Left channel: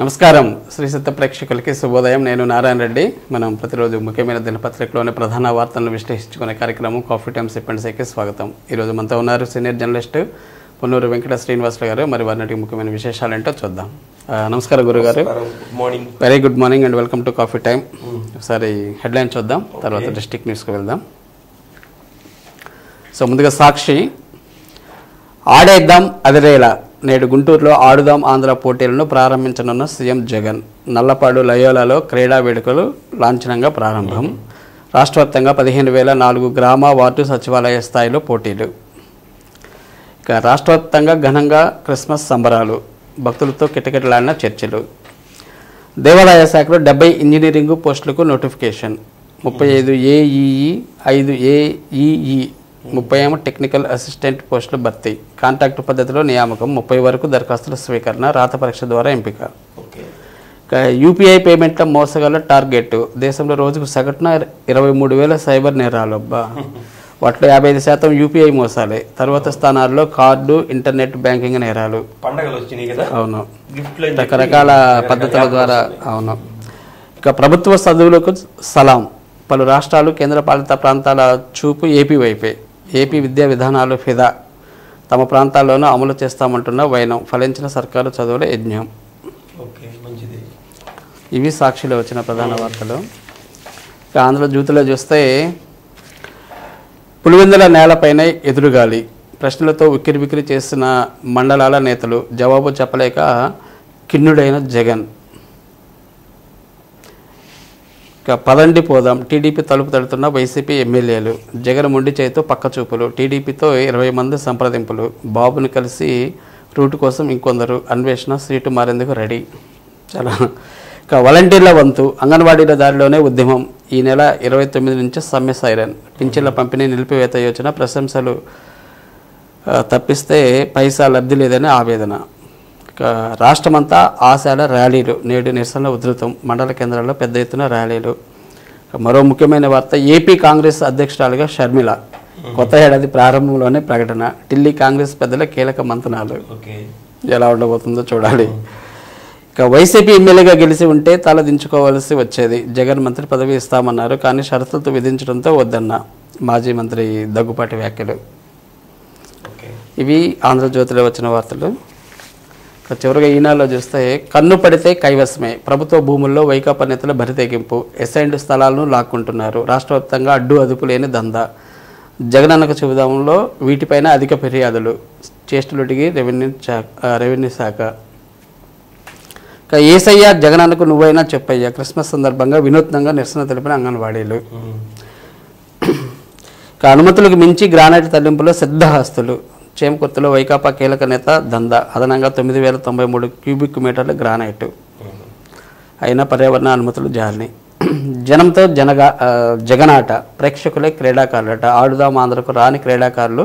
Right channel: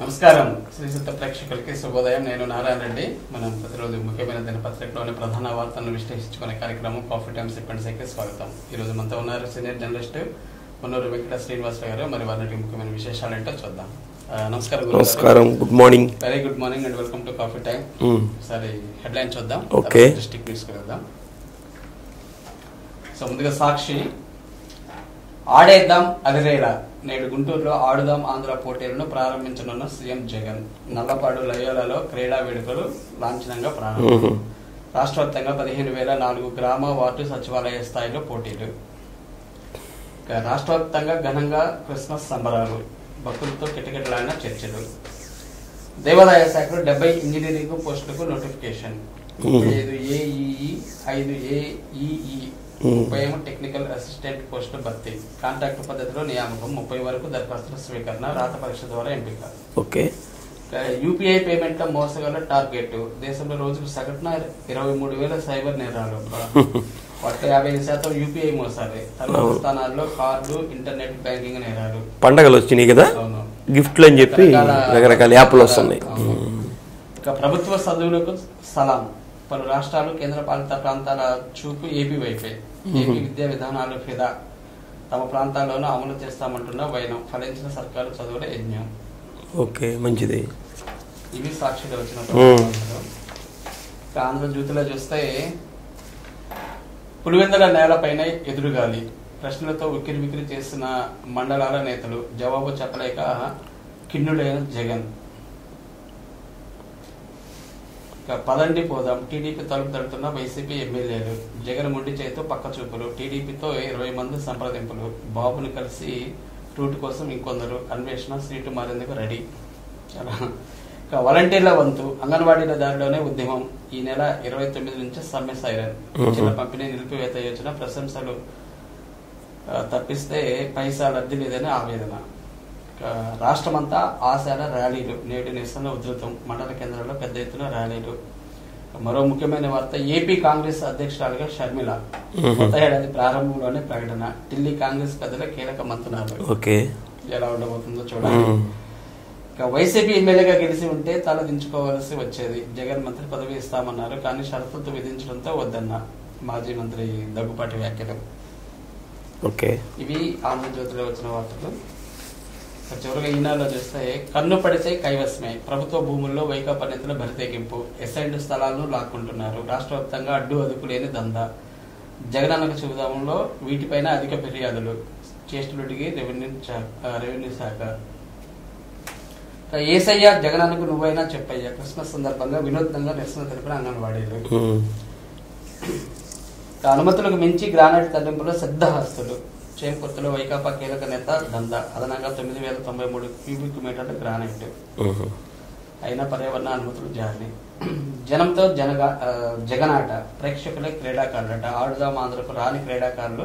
నమస్కారం శ్రీ సత్య ప్రేక్షకులకి శుభోదయం. నేను నారాయణ రెడ్డి. మనం ప్రతిరోజు ముఖ్యమైన దినపత్రికలోని ప్రధాన వార్తలను విశ్లేషించుకునే కార్యక్రమం కాఫీ టైమ్ సిప్ అండ్ సేకి స్వాగతం. ఈరోజు మనతో ఉన్నారు సీనియర్ జర్నలిస్ట్ పొన్నూరు వెంకట శ్రీనివాసరావు గారు. మరి వారికి ముఖ్యమైన విశేషాలు ఏంటో చూద్దాం. నమస్కారం గురుగారు. Good morning. Very good morning and welcome to coffee time. ఒకసారి హెడ్లైన్ చూద్దాం, తర్వాత డిస్ట్రిక్ట్ న్యూస్కి వెళ్దాం. సో ముందుగా సాక్షి, ఆడేద్దాం అదిరేలా నేడు గుంటూరులో ఆడుదాం ఆంధ్ర పోటీలను ప్రారంభించనున్న సీఎం జగన్. నల్లపాడు లయోలాలో క్రీడా వేడుకలు లాంఛనంగా ప్రారంభం. రాష్ట్రవ్యాప్తంగా 15,004 గ్రామ వార్డు సచివాలయ స్థాయిలో పోటీలు. ఇక రాష్ట్రవ్యాప్తంగా ఘనంగా క్రిస్మస్ సంబరాలు, భక్తులతో కిటకిటలాడిన చర్చలు. దేవాదాయ శాఖలో 70 ఇంజనీరింగ్ పోస్టులకు notification. 35 AEE, 5 AEE, 30 technical assistant పోస్టుల భర్తీ. కాంట్రాక్టు పద్ధతిలో నియామకం. 30 వరకు దరఖాస్తుల స్వీకరణ, రాత పరీక్ష ద్వారా ఎంపిక. ఓకే. యూపీఐ పేమెంట్ల మోసగాల టార్గెట్. దేశంలో రోజుకు సగటున 23,000 సైబర్ నేరాలు. వాటిలో 55% యూపీఐ మోసాలే. తర్వాత స్థానాల్లో కార్డు, ఇంటర్నెట్ బ్యాంకింగ్ నేరాలు. పండగలు వచ్చినాయి కదా. అవును, గిఫ్ట్లు రకరకాల. అవును. ఇక ప్రభుత్వ చదువులకు సలాం. పలు రాష్ట్రాలు, కేంద్రపాలిత ప్రాంతాల చూపు ఏపీ వైపే. ఏపీ విద్యా విధానాలు ఫిదా. తమ ప్రాంతాల్లోనూ అమలు చేస్తామంటున్న వైనం. ఫలించిన సర్కారు చదువుల యజ్ఞం. ఓకే, మంచిది. ఇవి సాక్షిలో వచ్చిన ప్రధాన వార్తలు. ఇక ఆంధ్రజ్యోతిలో చూస్తే పులివెందుల నేలపైన ఎదురుగాలి. ప్రశ్నలతో ఉక్కిరిబిక్కిరి చేసిన మండలాల నేతలు. జవాబు చెప్పలేక కిన్నుడైన జగన్. పదండి పోదాం. టీడీపీ తలుపు తడుతున్న వైసీపీ ఎమ్మెల్యేలు. జగన్ మొండి చేతితో పక్కచూపులు. టీడీపీతో 20 మంది సంప్రదింపులు. బాబుని కలిసి రూటు కోసం ఇంకొందరు. అన్వేషణ సీటు మారేందుకు రెడీ. చాలా. ఇక వాలంటీర్ల వంతు. అంగన్వాడీల దారిలోనే ఉద్యమం. ఈ నెల 29 నుంచి సమ్మె సైరన్. పింఛన్ల పంపిణీ నిలిపివేత యోచన. ప్రశంసలు తప్పిస్తే పైసా లబ్ధి లేదని ఆవేదన. రాష్ట్రమంతా ఆశాల ర్యాలీలు. నేడు నిరసనల ఉధృతం. మండల కేంద్రాల్లో పెద్ద ఎత్తున ర్యాలీలు. మరో ముఖ్యమైన వార్త, ఏపీ కాంగ్రెస్ అధ్యక్షురాలుగా షర్మిల. కొత్త ఏడాది ప్రారంభంలోనే ప్రకటన. ఢిల్లీ కాంగ్రెస్ పెద్దల కీలక మంతనాలు. ఓకే, ఎలా ఉండబోతుందో చూడాలి. ఇక వైసీపీ ఎమ్మెల్యేగా గెలిచి ఉంటే తల దించుకోవాల్సి వచ్చేది. జగన్ మంత్రి పదవి ఇస్తామన్నారు, కానీ షరతులతో విధించడంతో వద్దన్న మాజీ మంత్రి దగ్గుపాటి వ్యాఖ్యలు. ఓకే, ఇవి ఆంధ్రజ్యోతిలో వచ్చిన వార్తలు. చివరిగా ఈనాడులో చూస్తే, కన్ను పడితే కైవసమే. ప్రభుత్వ భూముల్లో వైకాపా నేతల బరితెగింపు. ఎసైన్డ్ స్థలాలను లాక్కుంటున్నారు. రాష్ట్ర వ్యాప్తంగా అడ్డు అదుపు లేని దందా. జగనన్నకు చెబుదాంలో వీటిపైన అధిక ఫిర్యాదులు. చేష్టలుటికి రెవెన్యూ శాఖ. ఏసయ్య జగనన్నకు నువ్వైనా చెప్పయ్యా. క్రిస్మస్ సందర్భంగా వినూత్నంగా నిరసన తెలిపిన అంగన్వాడీలు. అనుమతులకు మించి గ్రానైట్ తరలింపులో సిద్ధహస్తులు. చేమకుర్తిలో వైకాపా కీలక నేత దందా. అదనంగా 9,093 క్యూబిక్ మీటర్ల గ్రానైట్. అయినా పర్యావరణ అనుమతులు జారీ. జనంతో జగనాట. ప్రేక్షకులే క్రీడాకారులట. ఆడుదాం ఆంధ్రకు రాని క్రీడాకారులు,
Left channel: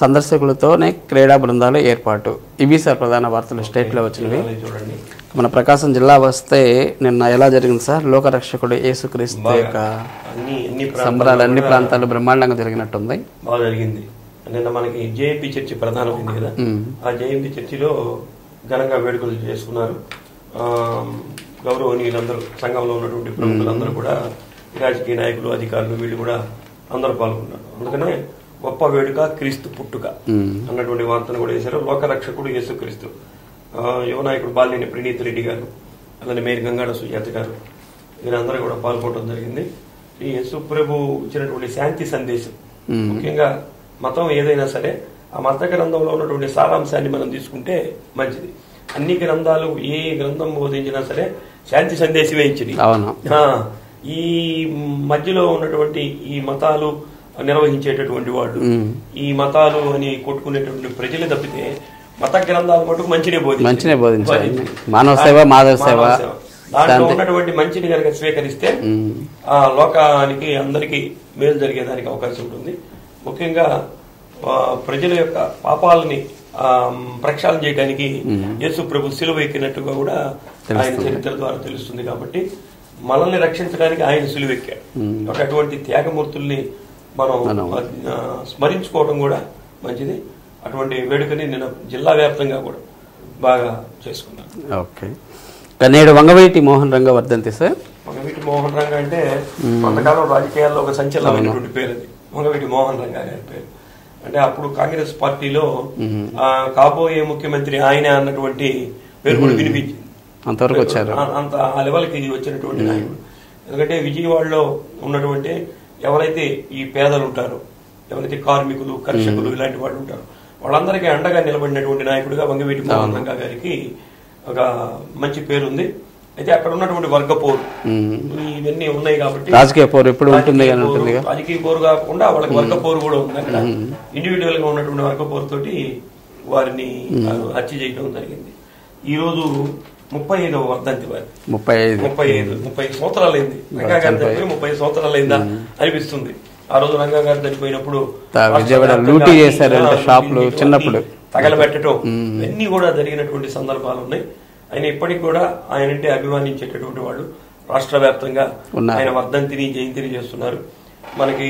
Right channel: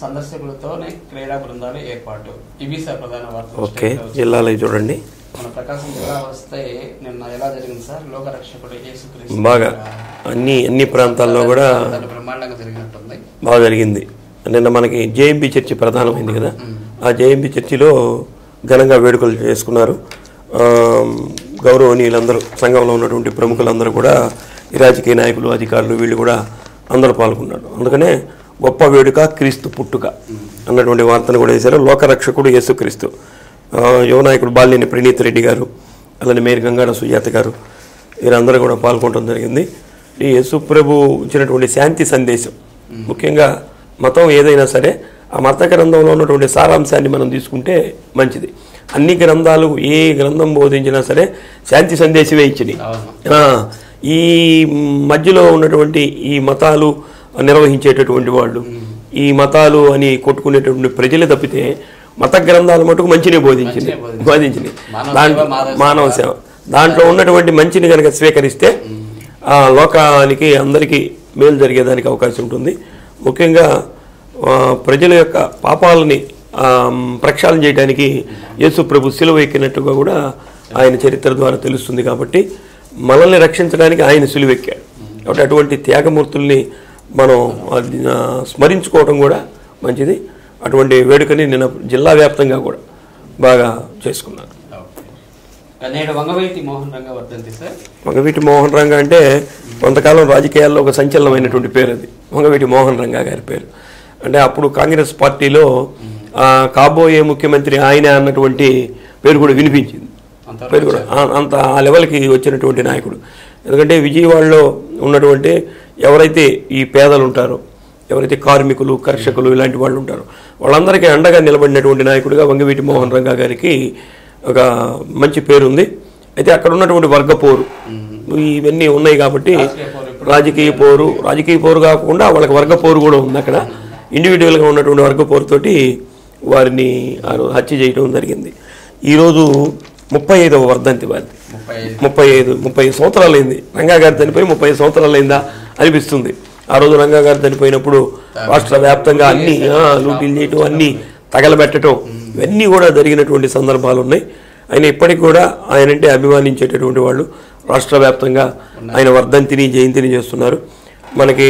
సందర్శకులతోనే క్రీడా బృందాలు ఏర్పాటు. ఇవి సార్ ప్రధాన వార్తలు స్టేట్లో వచ్చి. చూడండి, మన ప్రకాశం జిల్లా వస్తే నిన్న ఎలా జరిగింది సార్? లోకరక్షకుడు యేసుక్రీస్తు అన్ని ప్రాంతాలు బ్రహ్మాండంగా జరిగినట్టుంది. బాగా జరిగింది. నిన్న మనకి జేఎంపీ చర్చి ప్రధానమైంది కదా. ఆ జేఎంపీ చర్చిలో ఘనంగా వేడుకలు చేసుకున్నారు. గౌరవనీయులందరూ, సంఘంలో ఉన్నటువంటి ప్రముఖులందరూ కూడా, ఈ రాజకీయ నాయకులు, అధికారులు, వీళ్ళు కూడా అందరూ పాల్గొన్నారు. అందుకనే గొప్ప వేడుక క్రీస్తు పుట్టుక అన్నటువంటి వార్తను కూడా వేశారు. లోకరక్షకుడు యేసుక్రీస్తు. యువ నాయకుడు బాలినేని ప్రణీత్ రెడ్డి గారు, అలానే మేరీ గంగాడ సుజాత గారు, వీరందరూ కూడా పాల్గొనడం జరిగింది. ఈ యేసు ప్రభు ఇచ్చినటువంటి శాంతి సందేశం, ముఖ్యంగా మతం ఏదైనా సరే ఆ మత గ్రంథంలో ఉన్నటువంటి సారాంశాన్ని మనం తీసుకుంటే మంచిది. అన్ని గ్రంథాలు, ఏ గ్రంథం బోధించినా సరే శాంతి సందేశమే ఇచ్చింది. ఈ మధ్యలో ఉన్నటువంటి ఈ మతాలు నిర్వహించేటటువంటి వాళ్ళు, ఈ మతాలు అని కొట్టుకునేటువంటి ప్రజలు తప్పితే మత గ్రంథాలు మటుకు మంచినే బోధించింది. మానవ సేవ. దాంట్లో ఉన్నటువంటి మంచిని కనుక స్వీకరిస్తే ఆ లోకానికి, అందరికీ మేలు జరిగేదానికి అవకాశం ఉంటుంది. ముఖ్యంగా ప్రజల యొక్క పాపాలని ప్రక్షాళన చేయడానికి యేసు ప్రభు సిలువ ఎక్కినట్టుగా కూడా ఆయన చరిత్ర ద్వారా తెలుస్తుంది. కాబట్టి మనల్ని రక్షించడానికి ఆయన సిలువ ఎక్కాడు. కాబట్టి అటువంటి త్యాగమూర్తుల్ని మనం స్మరించుకోవడం కూడా మంచిది. అటువంటి వేడుకని నిన్న జిల్లా వ్యాప్తంగా కూడా బాగా చేసుకున్నారు. ఓకే. నేడు వంగవీటి మోహన్ రంగ వర్ధంతి సార్. వంగవీటి మోహన్ రంగ అంటే కొంతకాలం రాజకీయాల్లో ఒక సంచలనమైనటువంటి పేరు అది, వంగవీటి మోహన్ రంగ గారి పేరు. అంటే అప్పుడు కాంగ్రెస్ పార్టీలో కాబోయే ముఖ్యమంత్రి ఆయన అన్నటువంటి పేరు కూడా వినిపించింది. అంత ఆ లెవెల్కి వచ్చినటువంటి నాయకుడు. ఎందుకంటే విజయవాడలో ఉన్నటువంటి ఎవరైతే ఈ పేదలు ఉంటారో, ఎవరైతే కార్మికులు, కర్షకులు ఇలాంటి వాళ్ళు ఉంటారో వాళ్ళందరికీ అండగా నిలబడినటువంటి నాయకుడిగా వంగవీటి మోహన్ రంగ గారికి ఒక మంచి పేరు ఉంది. అయితే అక్కడ ఉన్నటువంటి వర్గపోరు ఇవన్నీ ఉన్నాయి కాబట్టి రాజకీయ పోరు కాకుండా వాళ్ళకి వర్గపోరు కూడా ఉంది. అక్కడ ఇండివిజువల్ గా ఉన్నటువంటి వర్గపోరు తోటి వారిని హత్య చేయడం జరిగింది. ఈరోజు 35వ వర్ధంతి వారి. 35 సంవత్సరాలు అయింది రంగా గారు చనిపోయి 30 సంవత్సరాలు అయిందా అనిపిస్తుంది. ఆ రోజు రంగా గారు చనిపోయినప్పుడు రాష్ట్ర వ్యాప్తంగా తగలబెట్టడం ఇవన్నీ కూడా జరిగినటువంటి సందర్భాలు ఉన్నాయి. ఆయన ఇప్పటికి కూడా ఆయనంటే అభిమానించేటటువంటి వాళ్ళు రాష్ట్ర వ్యాప్తంగా ఆయన వర్ధంతిని జయంతిని చేస్తున్నారు. మనకి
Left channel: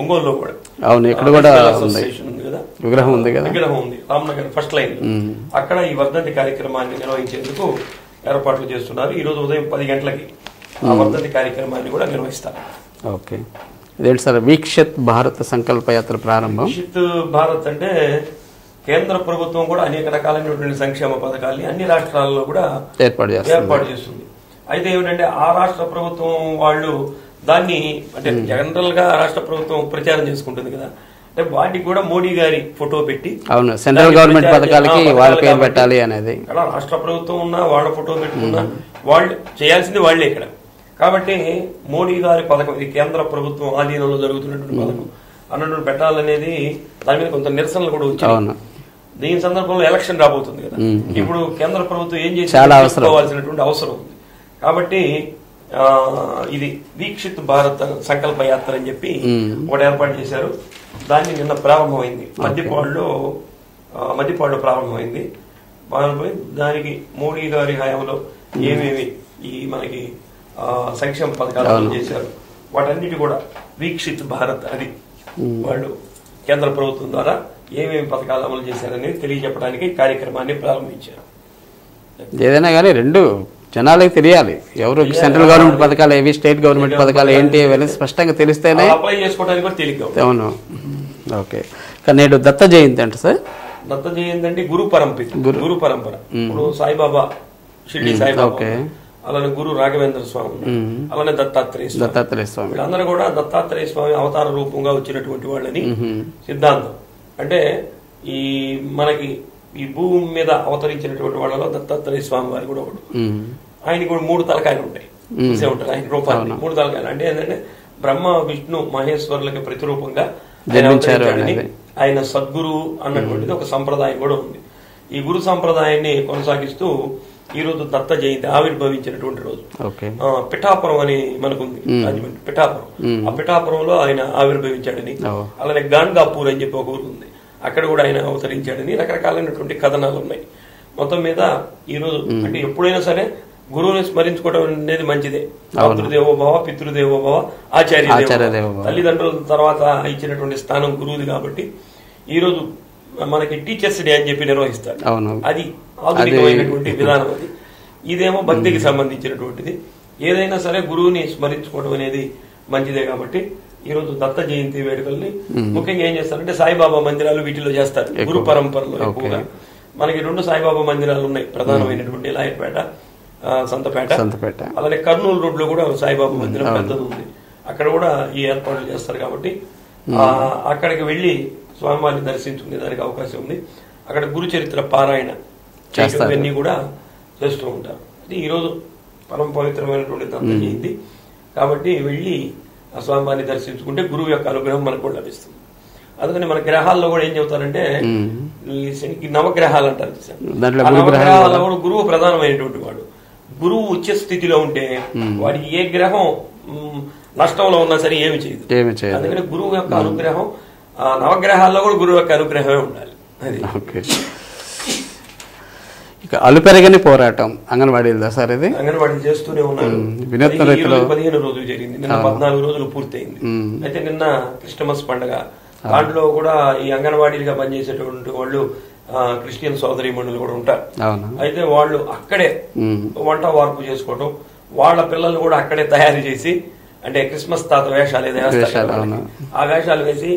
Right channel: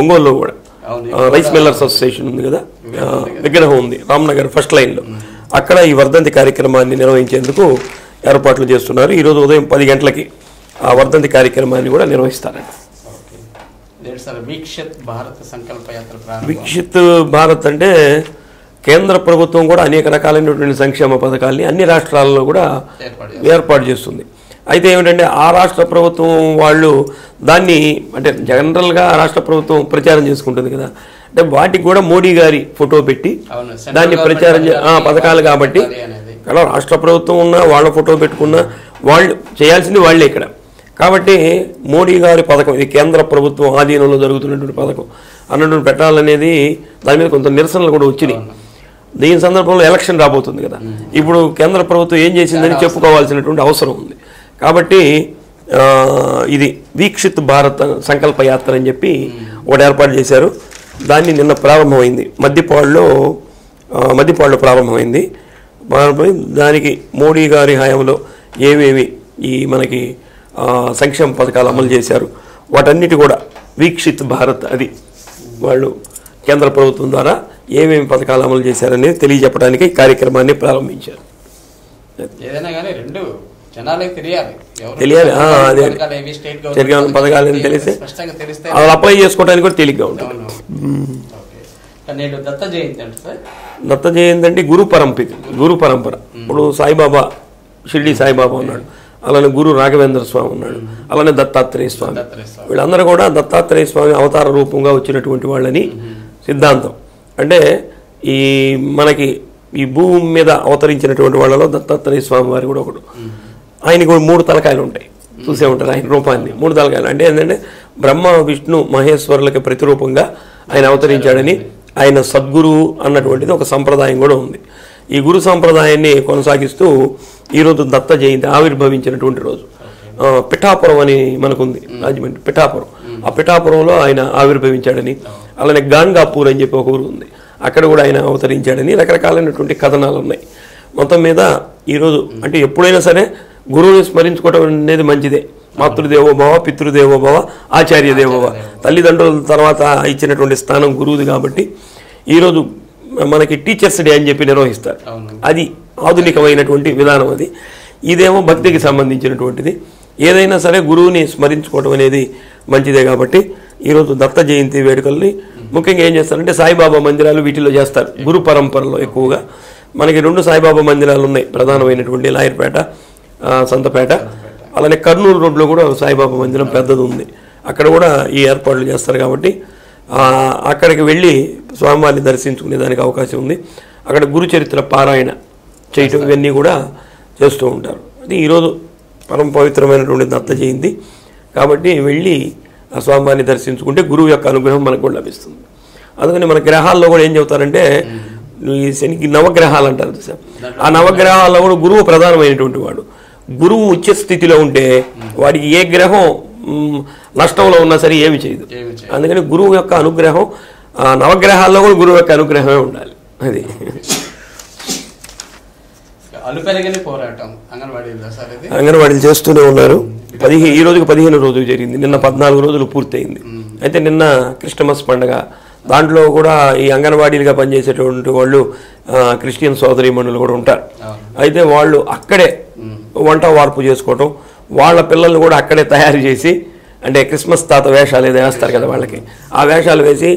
ఒంగోలులో కూడా అసోసియేషన్ ఉంది కదా, విగ్రహం ఉంది రామ్నగర్ ఫస్ట్ లైన్ లో. అక్కడ ఈ వర్ధంతి కార్యక్రమాన్ని నిర్వహించేందుకు ఏర్పాట్లు చేస్తున్నారు. ఈ రోజు ఉదయం 10 గంటలకి ఆ వర్ధంతి కార్యక్రమాన్ని కూడా నిర్వహిస్తారు. ఓకే, ఇదేంటి సార్ వీక్షిత్ భారత్ సంకల్ప యాత్ర ప్రారంభం? వీక్షిత్ భారత్ అంటే కేంద్ర ప్రభుత్వం కూడా అనేక రకాలైనటువంటి సంక్షేమ పథకాలని అన్ని రాష్ట్రాల్లో కూడా ఏర్పాటు చేస్తుంది. అయితే ఏమిటంటే ఆ రాష్ట్ర ప్రభుత్వం వాళ్ళు దాన్ని అంటే జనరల్గా రాష్ట్ర ప్రభుత్వం ప్రచారం చేసుకుంటుంది కదా, అంటే వాటికి కూడా మోడీ గారి ఫోటో పెట్టి పథకాలు కాబట్టి అలా రాష్ట్ర ప్రభుత్వం ఉన్నా వాళ్ళ ఫోటో పెట్టుకున్నా వాళ్ళు చేయాల్సింది వాళ్ళే ఇక్కడ. కాబట్టి మోడీ గారి పథకం ఇది కేంద్ర ప్రభుత్వం ఆధీనంలో జరుగుతున్నటువంటి పథకం అన్నటువంటి పెట్టాలనేది దాని మీద కొంత నిరసనలు కూడా వచ్చింది. దీని సందర్భంలో ఎలక్షన్ రాబోతుంది కదా, ఇప్పుడు కేంద్ర ప్రభుత్వం ఏం చేసిందని చెప్పుకోవాల్సినటువంటి అవసరం ఉంది. కాబట్టి ఇది వీక్షిత్ భారత్ సంకల్ప యాత్ర అని చెప్పి ఒకటి ఏర్పాటు చేశారు. దాన్ని నిన్న ప్రారంభమైంది, మధ్యపాడులో ప్రారంభమైంది. దానికి మోడీ గారి హయాంలో ఏమేమి ఈ మనకి సంక్షేమ పథకాలు అమలు చేశారు వాటన్నిటి కూడా వీక్షిత్ భారత్ అది వాళ్ళు కేంద్ర ప్రభుత్వం ద్వారా ఏమేమి పథకాలు అమలు చేశారనేది తెలియజెప్పడానికి ఈ కార్యక్రమాన్ని ప్రారంభించారు. ఏదైనా కానీ రెండు జనాలకు తెలియాలి, ఎవరు పథకాలు ఏవి, స్టేట్ గవర్నమెంట్ పథకాలు స్పష్టంగా తెలిస్తే అప్లై చేసుకోవడానికి కూడా తేలిగ్గా ఉంది. అవును, ఓకే. కానీ నేడు దత్త జయంతి అంటే సార్, దత్త జయంతి అంటే గురు పరంపర. ఇప్పుడు సాయిబాబా, షిర్డీ సాయిబాబా ఉన్నారు, అలానే గురు రాఘవేంద్ర స్వామి ఉన్నాడు, అలానే దత్తాత్రేయ స్వామి. వీళ్ళందరూ కూడా దత్తాత్రేయ స్వామి అవతార రూపంగా వచ్చినటువంటి వాళ్ళని సిద్ధాంతం. అంటే ఈ మనకి ఈ భూమి మీద అవతరించినటువంటి వాళ్ళలో దత్తాత్రేయ స్వామి వారి కూడా ఒకడు. ఆయనకు 3 తలకాయలు ఉంటాయి, చూసే ఉంటారు ఆయన రూపాన్ని. 3 తలకాయలు అంటే ఏంటంటే బ్రహ్మ విష్ణు మహేశ్వరులకి ప్రతిరూపంగా ఆయన అవతరించాడని, ఆయన సద్గురువు అన్నటువంటిది ఒక సంప్రదాయం కూడా ఉంది. ఈ గురు సంప్రదాయాన్ని కొనసాగిస్తూ ఈరోజు దత్త జయంతి ఆవిర్భవించినటువంటి రోజు. పిఠాపురం అని మనకుంది, రాజమండ్రి పిఠాపురం. ఆ పిఠాపురంలో ఆయన ఆవిర్భవించాడని, అలానే గాన్గాపూర్ అని చెప్పి ఒక ఊరు ఉంది, అక్కడ కూడా ఆయన అవతరించాడని రకరకాలైనటువంటి కథనాలు ఉన్నాయి. మొత్తం మీద ఈరోజు అంటే ఎప్పుడైనా సరే గురువుని స్మరించుకోవడం అనేది మంచిదే. మాతృదేవోభవ, పితృదేవోభవ, ఆచార్య దేవోభవ. తల్లిదండ్రుల తర్వాత ఇచ్చినటువంటి స్థానం గురువుది కాబట్టి ఈరోజు మనకి టీచర్స్ డే అని చెప్పి నిర్వహిస్తారు. అది ఆధునికమైనటువంటి విధానం. అది ఇదేమో భక్తికి సంబంధించినటువంటిది. ఏదైనా సరే గురువుని స్మరించుకోవడం అనేది మంచిదే కాబట్టి ఈరోజు దత్త జయంతి వేడుకల్ని ముఖ్యంగా ఏం చేస్తారంటే సాయిబాబా మందిరాలు వీటిలో చేస్తారు. గురు పరంపరలో ఎక్కువగా మనకి 2 సాయిబాబా మందిరాలు ఉన్నాయి, ప్రధానమైనటువంటి లాయర్పేట, సంతపేట, అలానే కర్నూలు రోడ్లో కూడా సాయిబాబా మందిరం పెద్దది ఉంది, అక్కడ కూడా ఈ ఏర్పాట్లు చేస్తారు. కాబట్టి అక్కడికి వెళ్ళి స్వామివారిని దర్శించుకునే దానికి అవకాశం ఉంది. అక్కడ గురు చరిత్ర పారాయణ చేయటం ఇవన్నీ కూడా చేస్తూ ఉంటారు. అది ఈరోజు పరమ పవిత్రమైనటువంటి దత్త జయంతి కాబట్టి వెళ్ళి ఆ స్వామివారిని దర్శించుకుంటే గురువు యొక్క అనుగ్రహం మనకు కూడా లభిస్తుంది. అందుకని మన గ్రహాల్లో కూడా ఏం చెబుతారంటే ఈ శనికి నవగ్రహాలు అంటారు. ఆ నవగ్రహాల్లో కూడా గురువు ప్రధానమైనటువంటి వాడు. గురువు ఉచ్చ స్థితిలో ఉంటే వాడికి ఏ గ్రహం నష్టంలో ఉన్నా సరే ఏమి చేయదు. అందుకని గురువు యొక్క అనుగ్రహం నవగ్రహాల్లో కూడా గురువు యొక్క అనుగ్రహమే ఉండాలి. అది అలుపెరగని పోరాటం అంగన్వాడీలో సార్, ఇది అంగన్వాడీలు చేస్తూనే ఉన్నారు. ఈ రోజుకి 15 రోజులు జరిగింది, నిన్న 14 రోజులు పూర్తయింది. అయితే నిన్న క్రిస్టమస్ పండుగ దాంట్లో కూడా ఈ అంగన్వాడీలుగా పనిచేసేటువంటి వాళ్ళు క్రిస్టియన్ సోదరీమణులు కూడా ఉంటారు. అయితే వాళ్ళు అక్కడే వంట వార్పు చేసుకోవటం, వాళ్ళ పిల్లల్ని కూడా అక్కడే తయారు చేసి, అంటే క్రిస్మస్ తాత వేషాలు ఏదో వేస్తారు కదా వాళ్ళకి, ఆ వేషాలు వేసి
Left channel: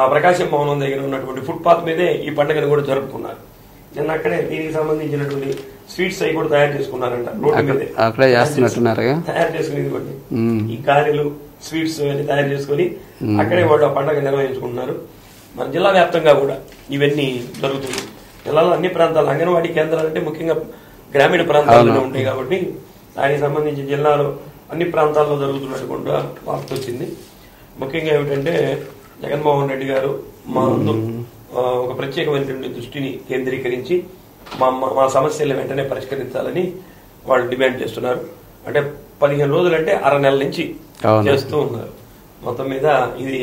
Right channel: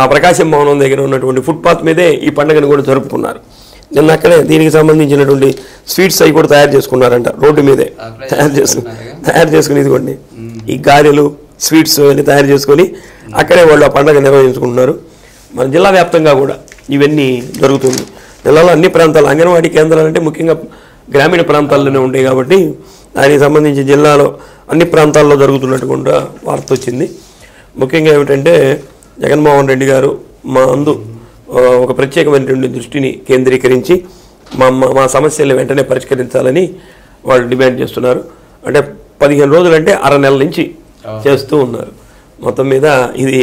ఆ ప్రకాశం భవనం దగ్గర ఉన్నటువంటి ఫుట్పాత్ మీదే ఈ పండుగను కూడా జరుపుకున్నారు. నిన్న అక్కడే దీనికి సంబంధించినటువంటి స్వీట్స్ అవి కూడా తయారు చేసుకున్నారంట, రోడ్డు మీదే తయారు చేసుకుని, ఇదిగోండి ఈ గారెలు స్వీట్స్ అన్ని తయారు చేసుకొని అక్కడే వాళ్ళు ఆ పండుగ నిర్వహించుకుంటున్నారు. మన జిల్లా వ్యాప్తంగా కూడా ఇవన్నీ జరుగుతుంది. జిల్లాలో అన్ని ప్రాంతాలు అంగన్వాడీ కేంద్రాలు అంటే ముఖ్యంగా గ్రామీణ ప్రాంతాల్లోనే ఉంటాయి కాబట్టి దానికి సంబంధించి జిల్లాలో అన్ని ప్రాంతాల్లో జరుగుతున్నట్టుగా వార్త వచ్చింది. ముఖ్యంగా ఏమిటంటే జగన్మోహన్ రెడ్డి గారు మా అందు ఒక ప్రత్యేకమైనటువంటి దృష్టిని కేంద్రీకరించి మా సమస్యలు వెంటనే పరిష్కరించాలని వాళ్ళు డిమాండ్ చేస్తున్నారు. అంటే 15 రోజులు అంటే 6 నెలల నుంచి చేస్తూ ఉన్నారు. మొత్తం మీద ఇది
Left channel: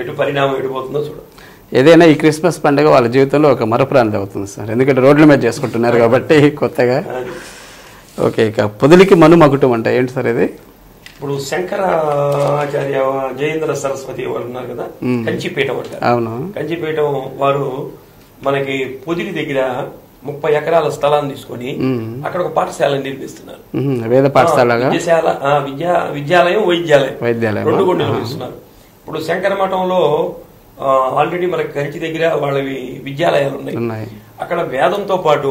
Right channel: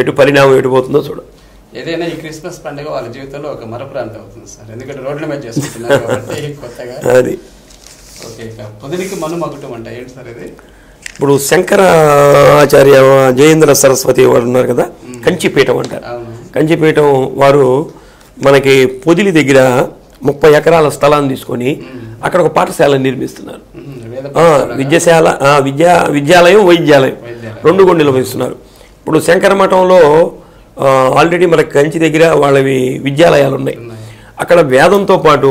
ఎటు పరిణామం ఎటుపోతుందో చూడ. ఏదైనా ఈ క్రిస్మస్ పండుగ వాళ్ళ జీవితంలో ఒక మరపురాంతి అవుతుంది సార్, ఎందుకంటే రోడ్ల మీద చేసుకుంటున్నారు కాబట్టి కొత్తగా. అది ఓకే. ఇక పొదిలికి మనుమకుటం అంటే ఏంటి సార్ ఇది? ఇప్పుడు శంకరాచార్య జయేంద్ర సరస్వతి వారు ఉన్నారు కదా, కంచిపీఠం అంటారు. అవును. కంచిపీఠం వారు మనకి పొదిలి దగ్గర 30 ఎకరాల స్థలాన్ని తీసుకొని అక్కడ ఒక పాఠశాల నిర్మిస్తున్నారు. విద్యాలయం వైద్యాలయం రెండు కూడా నిర్వహిస్తున్నారు. ఇప్పుడు శంకర మఠంలో ఆల్రెడీ మనకి కంచి దగ్గర వాళ్ళవి విద్యాలయాలు ఉన్నాయి. అక్కడ వేదంతో పాటు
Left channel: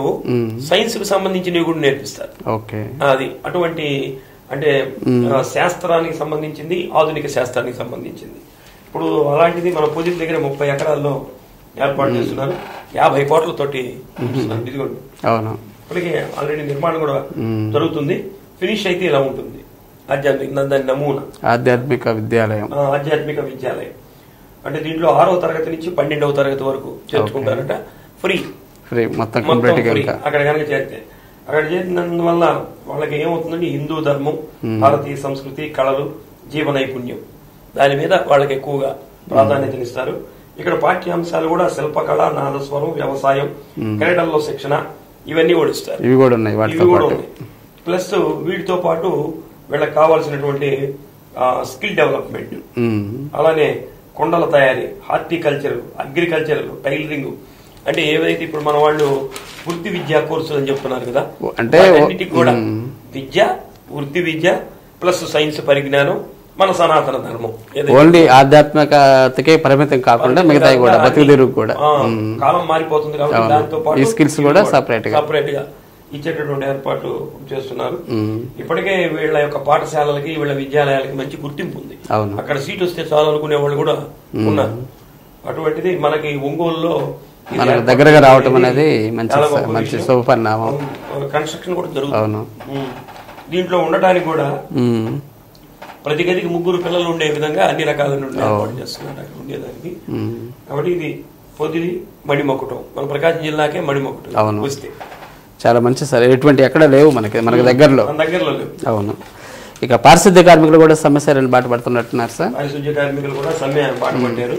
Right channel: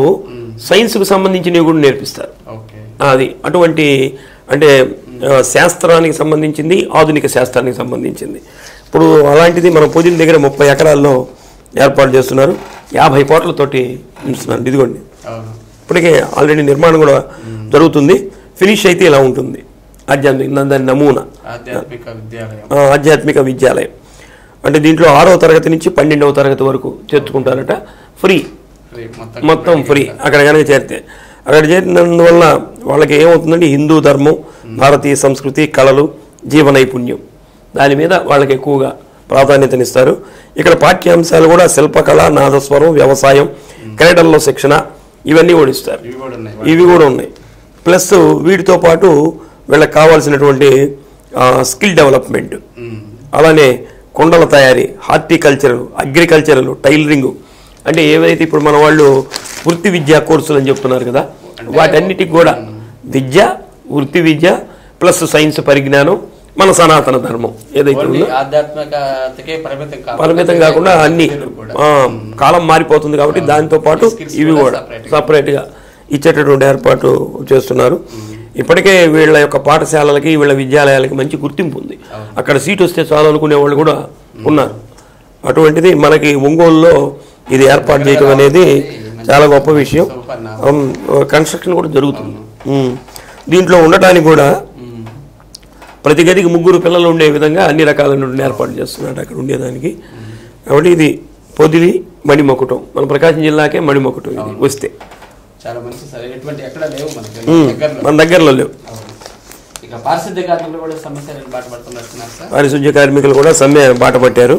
సైన్స్ కు సంబంధించినవి కూడా నేర్పిస్తారు. అది అటువంటి అంటే శాస్త్రానికి సంబంధించింది, ఆధునిక శాస్త్రానికి సంబంధించింది. ఇప్పుడు అలాంటిది మన పొదిలి దగ్గర 30 ఎకరాల్లో ఏర్పాటు చేస్తున్నారు. 50 కోట్లతోటి ఉంచుతున్నారు. ఇదిగోండి ఇప్పటికే ఆల్రెడీ నిర్మాణం కూడా జరుగుతుంది. ఫినిష్ అయితే ఇలా ఉంటుంది. దాని నమూనా ఆధ్యాత్మిక విద్యాలయం. అంటే దీంట్లో 6వ తరగతి నుంచి 12వ తరగతి వరకు చేర్చుకుంటారట. ఫ్రీ, మొత్తం ఫ్రీ. అక్కడ కనుక చేరితే, అక్కడ చేరినందువల్ల వాళ్ళకి ఏమవుతుందంటే హిందూ ధర్మం, భారతీయ సంస్కృతి, కళలు, జీవ నైపుణ్యం దాని మీద వాళ్ళకి ఎక్కువగా ప్రాధాన్యతనిస్తారు. ఇక్కడ పాఠ్యాంశాలు కూడా శిల్పకళ, నాదస్వరం, వ్యవసాయం, క్రీడల్లో శిక్షణ ఇవన్నీ కూడా ఇస్తారు. ఇవి కూడా ఉన్నాయి. ప్లస్ వీటితో పాటు వీళ్ళకి కావాల్సినటువంటి స్కిల్ డెవలప్మెంట్, అలానే కొండల తయారీ, హార్టికల్చర్, అగ్రికల్చరల్, టైలరింగ్, అంటే ఏవైతే ఇప్పుడు మన వాళ్ళు వృత్తి విద్యా కోర్సులు అని చెప్తున్నారు కదా, వాటన్నిటికి కూడా విద్య, వృత్తి విద్య ప్లస్ సైన్స్ పరిజ్ఞానం, మన సనాతన ధర్మం ఆధ్యాత్మికతకే పరిమితం కాకుండా కాలం మారిపోతుంది కాబట్టి దాంతో పాటు సపరేట్ గా ఇచ్చేటటువంటి ఏర్పాటు చేస్తున్నారు. ఇప్పటికే వీళ్ళ యొక్క పాఠశాలలకి, వీళ్ళ విద్యాలయాలకి మంచి గుర్తింపు ఉంది. అక్కడ సీట్ వస్తే చాలు అనుకునే వాళ్ళు కూడా ఉన్నారు. అటువంటిది మనకి ఒంగోలులో ఇది ఏర్పాటు చేయడం అనేది చాలా గొప్ప విషయం. కన్స్ట్రక్షన్ కూడా జరుగుతుంది. దీంట్లో ఉండటానికి కూడా ప్రతి గదికి 3 పిల్లలు ఉండే విధంగా అన్ని రకాల ఏర్పాటు చేస్తున్నారు అక్కడ ఉండేదానికి. కాబట్టి ఇది పొదిలి మణిమకుటం, మన ప్రకాశం జిల్లాకే మణిమకుటం వస్తే చాలా మంచి సార్. ఎటువంటి ఎక్కడ లేవు మనకి, మన దగ్గరలో లేవు. అవును. ఇక పారిశుద్ధ్య కార్మికులు కూడా సమస్యలను బాట పడుతున్నట్టున్నారు సార్. పారిశుద్ధ్య కార్మికులు కూడా సమ్మె బాట పట్టారు.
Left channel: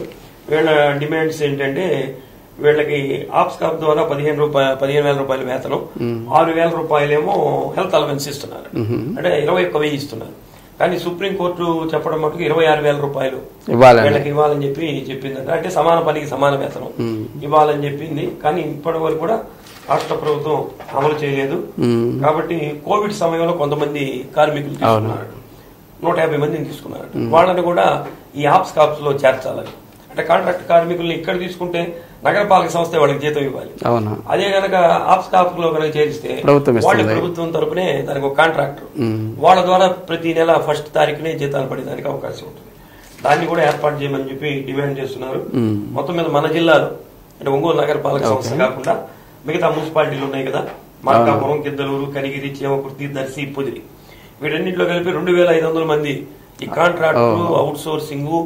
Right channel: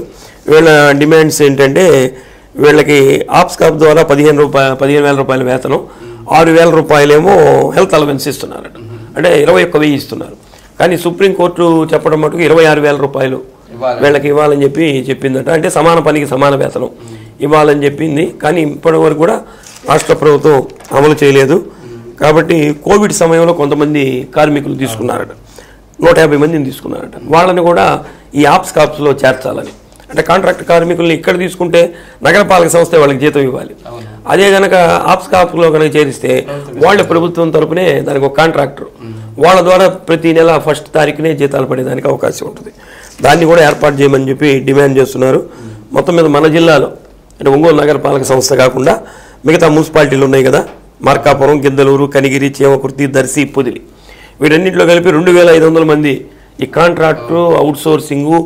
వీళ్ళ డిమాండ్స్ ఏంటంటే వీళ్ళకి ఆప్స్కాప్ ద్వారా 15,000 రూపాయల వేతనం, 6,000 రూపాయలేమో హెల్త్ అలవెన్స్ ఇస్తున్నారు. అంటే 21,000 ఇస్తున్నారు. కానీ సుప్రీంకోర్టు చెప్పడం మటుకు 26,000 రూపాయలు వీళ్ళకి ఇవ్వాలని చెప్పిందట. అంటే సమాన పనికి సమాన వేతనం ఇవ్వాలని చెప్పింది. కానీ ఇప్పటి వరకు కూడా రాష్ట్ర ప్రభుత్వం అమలు చేయలేదు. కాబట్టి కోవిడ్ సమయంలో కొంతమంది కార్మికులు తీసుకున్నారట, 150 మందిని తీసుకున్నారట. వాళ్ళని కూడా ఈ ఆప్స్కాప్స్ లో చేర్చాలని. అంటే కాంట్రాక్ట్ కార్మికుల్ని ఇక్కడ తీసుకుంటే నగరపాలక సంస్థ వాళ్ళకి జీతం ఇవ్వాలి. అదే గనక ఆప్స్కాప్స్ లో కనుక చేరిస్తే వాళ్ళు ప్రభుత్వం తరపునే దానికి ఒక కాంట్రాక్టర్, వాళ్ళ ద్వారా ప్రతి నెల 1వ తారీఖునే జీతాలు పడేదానికి అవకాశం ఉంటుంది. దాన్ని కూడా ఏర్పాటు చేయమని చెప్పి డిమాండ్ చేస్తున్నారు. మొత్తం మీద మన జిల్లాలో అంటే ఒంగోలు నగరపాలక సంస్థ కాకుండా మిగతా మున్సిపాలిటీలు ఉన్నాయి కదా, మార్కాపురం, గిద్దలూరు, కనిగిరి, చేమకుర్తి, దర్శి, పొదిలి, వీటన్నింటిలో కలిపి 2,500 మంది ఈ కాంట్రాక్టర్, అవుట్ సోర్సింగ్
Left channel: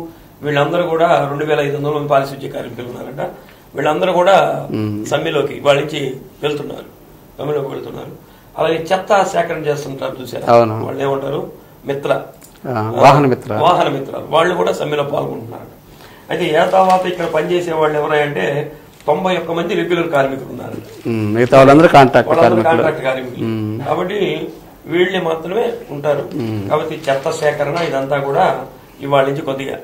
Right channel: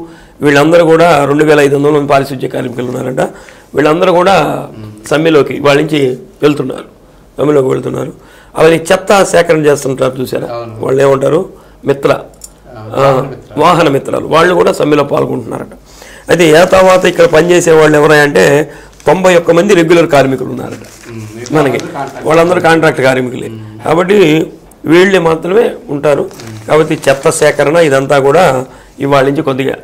వీళ్ళందరూ కూడా 2,500 మంది పారిశుద్ధ్య కార్మికులు ఉన్నారంట. వీళ్ళందరూ కూడా సమ్మెలోకి వాళ్ళ నుంచి వెళ్తున్నారు. అలాగే చెత్త సేకరణ చేస్తుంటారు చూసారా, వాళ్ళు ఏమంటారు, వాహన మిత్రాలు, వాళ్ళు కూడా సమ్మెలో పాల్గొంటున్నారట. అయితే ఏతావాత ఇక్కడ పనిచేసే వాళ్ళు ఎవరంటే 91 మంది రెగ్యులర్ కార్మికులు ఉన్నారట. వాళ్ళందరూ కాంట్రాక్ట్ కార్మికులే. కాబట్టి వీళ్ళే మాత్రమే ఉంటారు. కాబట్టి చెత్త సేకరణ ఇదంతా కూడా ఇవాళ నుంచి కొద్దిగా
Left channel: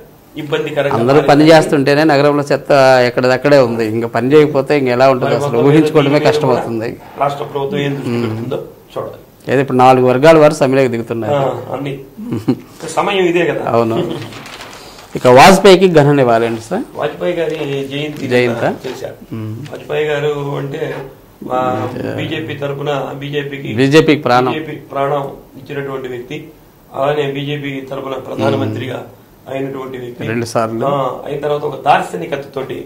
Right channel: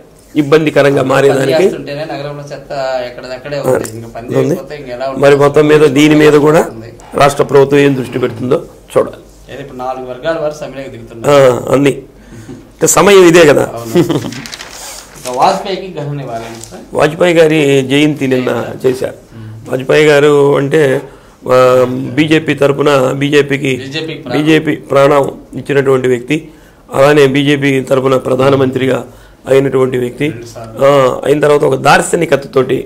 ఇబ్బందికరంగా పని చేస్తుంటేనే నగరంలో చెత్త ఎక్కడదక్కడే ఉంది, ఇంకా పని చేయకపోతే ఇంకా ఎలా ఉంటుంది? మరి మొత్తం మీద దీని మీద కూడా రాష్ట్ర ప్రభుత్వం ఏం దృష్టి పెడుతుందో చూడాలి. ఏదో ఇప్పుడు 4 వర్గాల వారు సమ్మెలోకి దిగుతున్నారు అన్ని, సమయం ఇదే కదా. అవును. ఇక వాజ్పేయికి ఘన నివాళి అండి సార్. వాజ్పేయి గారి జయంతి చేశారు. వాజ్పేయి గారు అంటే బీజేపీ తరఫున బీజేపీ ప్రాణం ఇచ్చినటువంటి వ్యక్తి, అలానే బీజేపీ తరఫున ప్రధానమంత్రిగా అయినటువంటి వ్యక్తి, అయిన తర్వాత ఒక దార్శనికతతోటి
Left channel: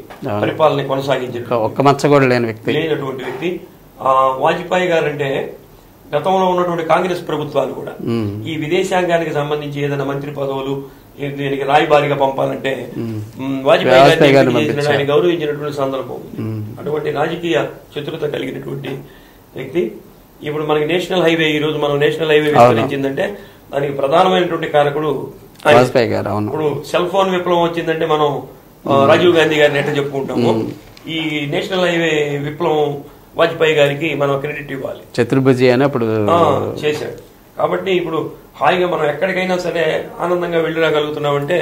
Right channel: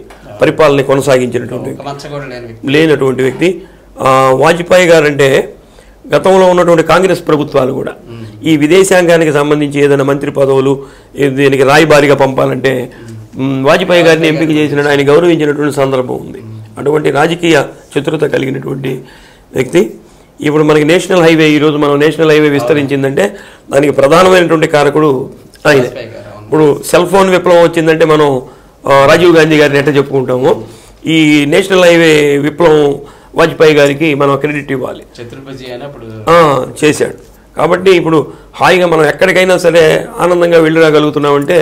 పరిపాలన కొనసాగించినటువంటి లేనటువంటి వ్యక్తి వాజ్పేయి గారు. అంటే గతంలో ఉన్నటువంటి కాంగ్రెస్ ప్రభుత్వాలు కూడా ఈ విదేశాంగానికి సంబంధించి ఏదైనా మంత్రి పదవులు దీనికి రాయబారిగా పంపాలంటే వాజ్పేయి గారిని ఎంపిక చేసిన, ఆయన గౌరవించినటువంటి సందర్భం ఉంది. అటువంటి రాజకీయ చతురత కలిగినటువంటి వ్యక్తి. ఇప్పుడు మనకి నేషనల్ హైవే, ఈ రోజు మనం నేషనల్ హైవే విస్తరించిందంటే దానికి ప్రధానమైనటువంటి కారకుడు ఇప్పుడు సెల్ ఫోన్ విప్లవం వచ్చిందంటే మనం రాజీవ్ గాంధీ గారిని ఎట్లా చెప్పుకుంటాము, ఈ నేషనల్ హైవే విప్లవం వాజ్పేయి గారికి మనం క్రెడిట్ ఇవ్వాలి. చతుర్భుజి అని అప్పుడు చేశాడు. కాబట్టి ఇప్పుడు హాయిగా మనం ఎక్కడికైనా సరే ఆనందంగా వెళ్ళి రాగలుగుతున్నామంటే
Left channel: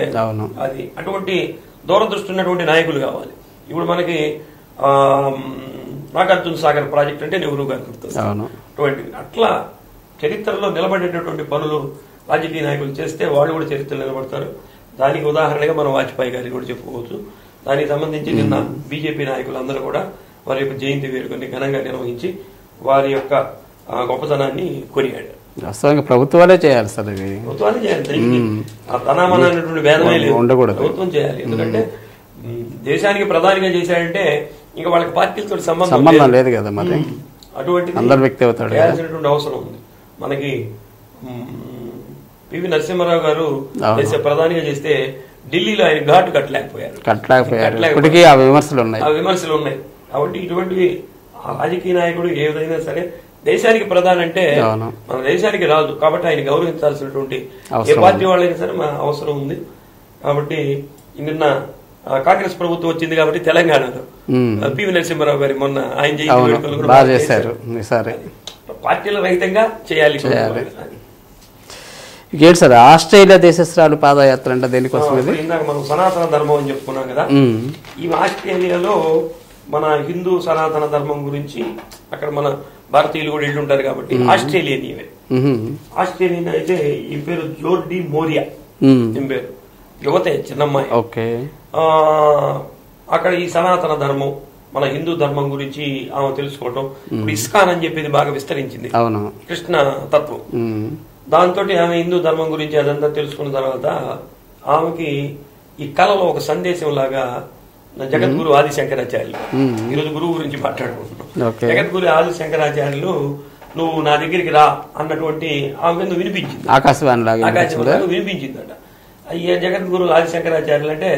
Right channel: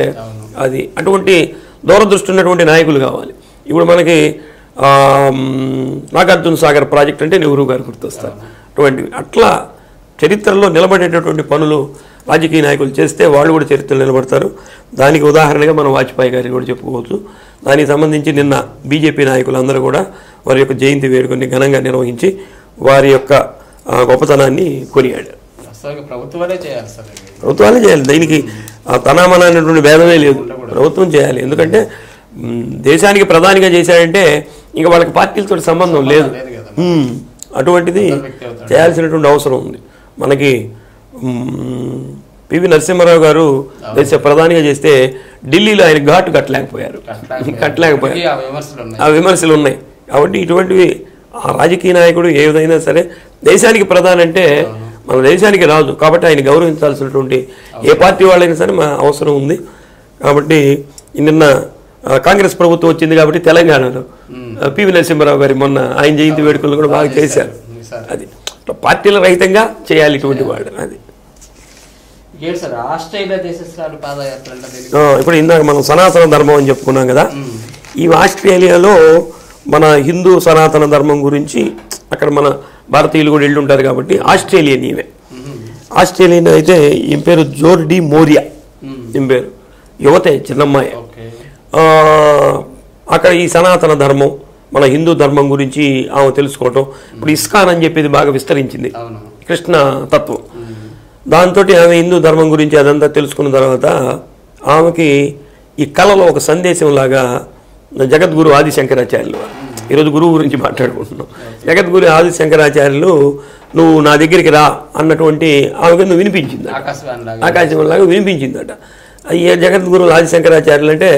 అది అటువంటి దూరదృష్టి ఉన్నటువంటి నాయకులు కావాలి. ఇప్పుడు మనకి నాగార్జున సాగర్ ప్రాజెక్ట్ అంటే నెహ్రూ గారు గుర్తొస్తారు. అటువంటివి అట్లా చరిత్రలో నిలబడేటటువంటి పనులు రాజకీయ నాయకులు చేస్తే వాళ్ళు కూడా చరిత్రలో నిలబడతారు. దానికి ఉదాహరణగా మనం వాజ్పేయి గారిని కూడా చెప్పుకోవచ్చు. దానికి సంబంధించి నిన్న బీజేపీ నాయకులు అందరూ కూడా వారి యొక్క జయంతి వేడుకని ఘనంగా నిర్వహించి వారి యొక్క గొప్పతనాన్ని కొనియాడారు. ప్రభుత్వాలే చేయాలి సార్, ప్రభుత్వాలే చేయాలి. దీనికి తనామన అనేటువంటి భేదమే లేదు, ప్రభుత్వం చేయాలి. ఎందుకంటే దేశానికి ప్రధానిగా చేశాడంటే ఇంకా వాళ్ళకి పార్టీలతో సంబంధం లేదు కదా, అటువంటిది చేయాల్సినటువంటి అవసరం ఉంది. మనకి పివి నరసింహారావు గారు దేశ ప్రధానిగా చేస్తే ఢిల్లీలో ఆయన ఘాటు కట్టలేకపోయారు. ఆ విమర్శలు ఉన్నాయి. కాబట్టి ఇటువంటివి రాజకీయ నాయకుడు ఏదైనా సరే దేశానికి ప్రధాని అంటే మన దేశానికి రాదు. కాబట్టి ఆయన గౌరవించాల్సినటువంటి ఏ పార్టీ వాళ్ళైనా సరే మన అవసరం ఉంది. కాబట్టి నిన్న కాంగ్రెస్ ప్రభుత్వం వచ్చింది కాబట్టి తెలంగాణలో పివి నరసింహారావు గారి మొన్న ఆయన జయంతి వేడుకలు కూడా బాగా చేశారు. అది పార్టీల రహితంగా చేయాలి. అది ఏంటి సార్ ఆస్ట్రేలియా దేశస్రాలు పాదయాత్ర అంటే దేనికి? ఇప్పుడు ఇందాక మనం సనాతన ధర్మం అని చెప్పుకున్నాం కదా, ఈ ఆస్ట్రేలియాలో మన హిందూ సనాతన ధర్మం గురించి అక్కడ మన భారతీయులు కూడా వెళ్ళి ఉంటారు కాబట్టి ఆస్ట్రేలియన్ ఇవే. ఆస్ట్రేలియన్ అయితే ఈ పేరు జోర్డీ మోరియా, ఈ పేరు యువతే చిన్నమ్మాయి. అక్కడ ఈ సనాతన ధర్మం మన హిందూ ధర్మం గురించి ఆమె తెలుసుకోవటం. ఇప్పుడు ఇస్కాన్ అని చెప్పేది బాగా విస్తరించింది, కృష్ణ తత్వం. దాంతో ఆమె హిందూ ధర్మం గురించి అదంతా తెలుసుకున్న తర్వాత ఆమెకి ఈ కళలో ఒక సందేశం లాగా జగద్గురు ఆదిశంకరాచార్యులు, ఈరోజు గురువు గురించి మాట్లాడుకుంటున్నాం, జగద్గురు ఆదిశంకరాచార్యులు నువ్వు నా దగ్గరికి రా అన్నటువంటి ఆమెకు నువ్వు వినిపించింది, ఆకాశవాణిలాగా వినిపించిందట. ఈ జగద్గురు ఆదిశంకరాచార్యులు అంటే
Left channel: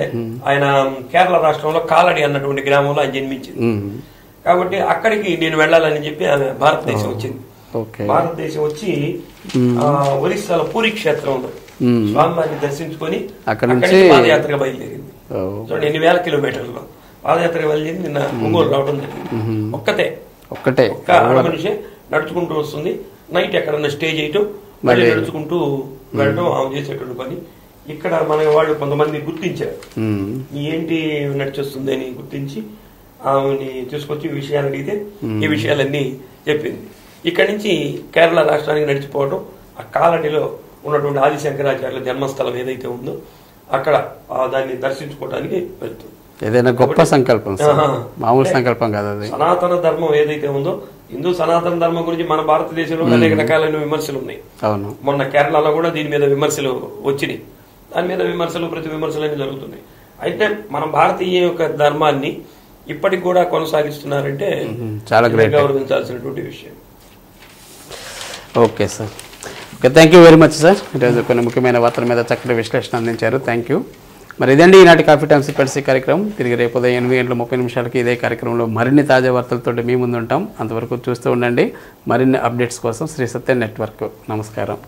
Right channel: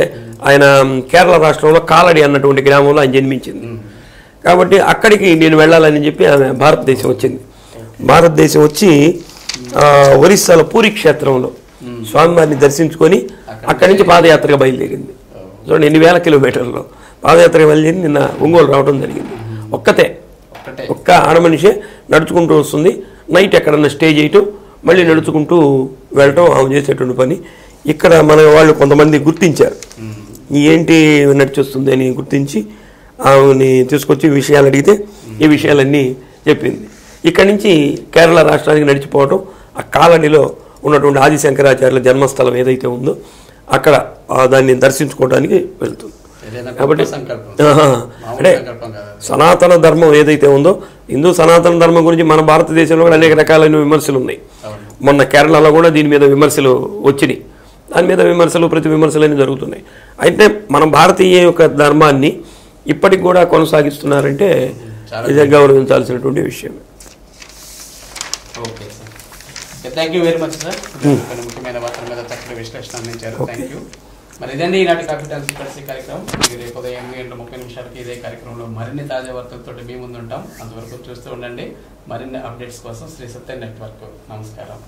ఆయన కేరళ రాష్ట్రంలో కాలడి అన్నటువంటి గ్రామంలో ఆయన జన్మించింది. కాబట్టి అక్కడికి నేను వెళ్ళాలని చెప్పి ఆమె భారతదేశం వచ్చింది. భారతదేశం వచ్చి ఒరిస్సాలో పూరి క్షేత్రంలో స్వామివారిని దర్శించుకొని అక్కడి నుంచి పాదయాత్రగా బయలుదేరింది. చూడండి ఎన్ని వేల కిలోమీటర్లో పాదయాత్రగా బయలుదేరి నిన్న ఒంగోలు రావడం జరిగింది. ఒక్క ఆడమనిషే నడుచుకుంటూ వస్తుంది. నైట్ ఎక్కడన్నా స్టే చేయటం, మళ్ళీ నడుచుకుంటూ వెళ్ళటం ఆమె చేసేటువంటి పని. ఇక్కడ మన వాళ్ళు కొంతమంది గుర్తించారు, ఏంటి నడిచొస్తుంది అని గుర్తించి ఆమెని తీసుకొచ్చి విషయాలు అడిగితే ఈ విషయాలన్నీ చెప్పింది. ఇక్కడి నుంచి కేరళ రాష్ట్రానికి నడిచిపోవటం, ఆ కాలనీలో ఉన్నటువంటి ఆదిశంకరాచార్యుల జన్మస్థలం ఏదైతే ఉందో అక్కడ దాన్ని దర్శించుకోవడానికి వెళ్తుంది. సనాతన ధర్మం ఏదైతే ఉందో, హిందూ సనాతన ధర్మం గురించి మన భారతదేశంలో అనేక రకాలైన విమర్శలు ఉన్నాయి. మొన్న కేరళలో కూడా దీని మీద విమర్శలు వచ్చినాయి. దాని మీద విమర్శలు ప్రతి విమర్శలు అన్నీ జరుగుతున్నాయి. అయితే మన భారతీయ యొక్క ధర్మాన్ని ఇప్పటికి కూడా కొనసాగిస్తున్నారంటే చాలా గౌరవించాల్సినటువంటి విషయం. Okay sir, okay, thank you very much sir. కొన్ని ముఖ్యమైన వార్తల మీద చక్కటి విశ్లేషణ అందించారు. Thank you. మరి ఇదండి ఈనాటి కాఫీ టైమ్ సిక్వెన్సీ కార్యక్రమం. తిరిగి రేపు ఉదయం 8:30 ఇదే కార్యక్రమంలో మరిన్ని తాజా వార్తలతో మీ ముందు ఉంటాం. అంతవరకు చూస్తూ ఉండండి. మరిన్ని అప్డేట్స్ కోసం శ్రీ సత్య నెట్వర్క్. నమస్కారం.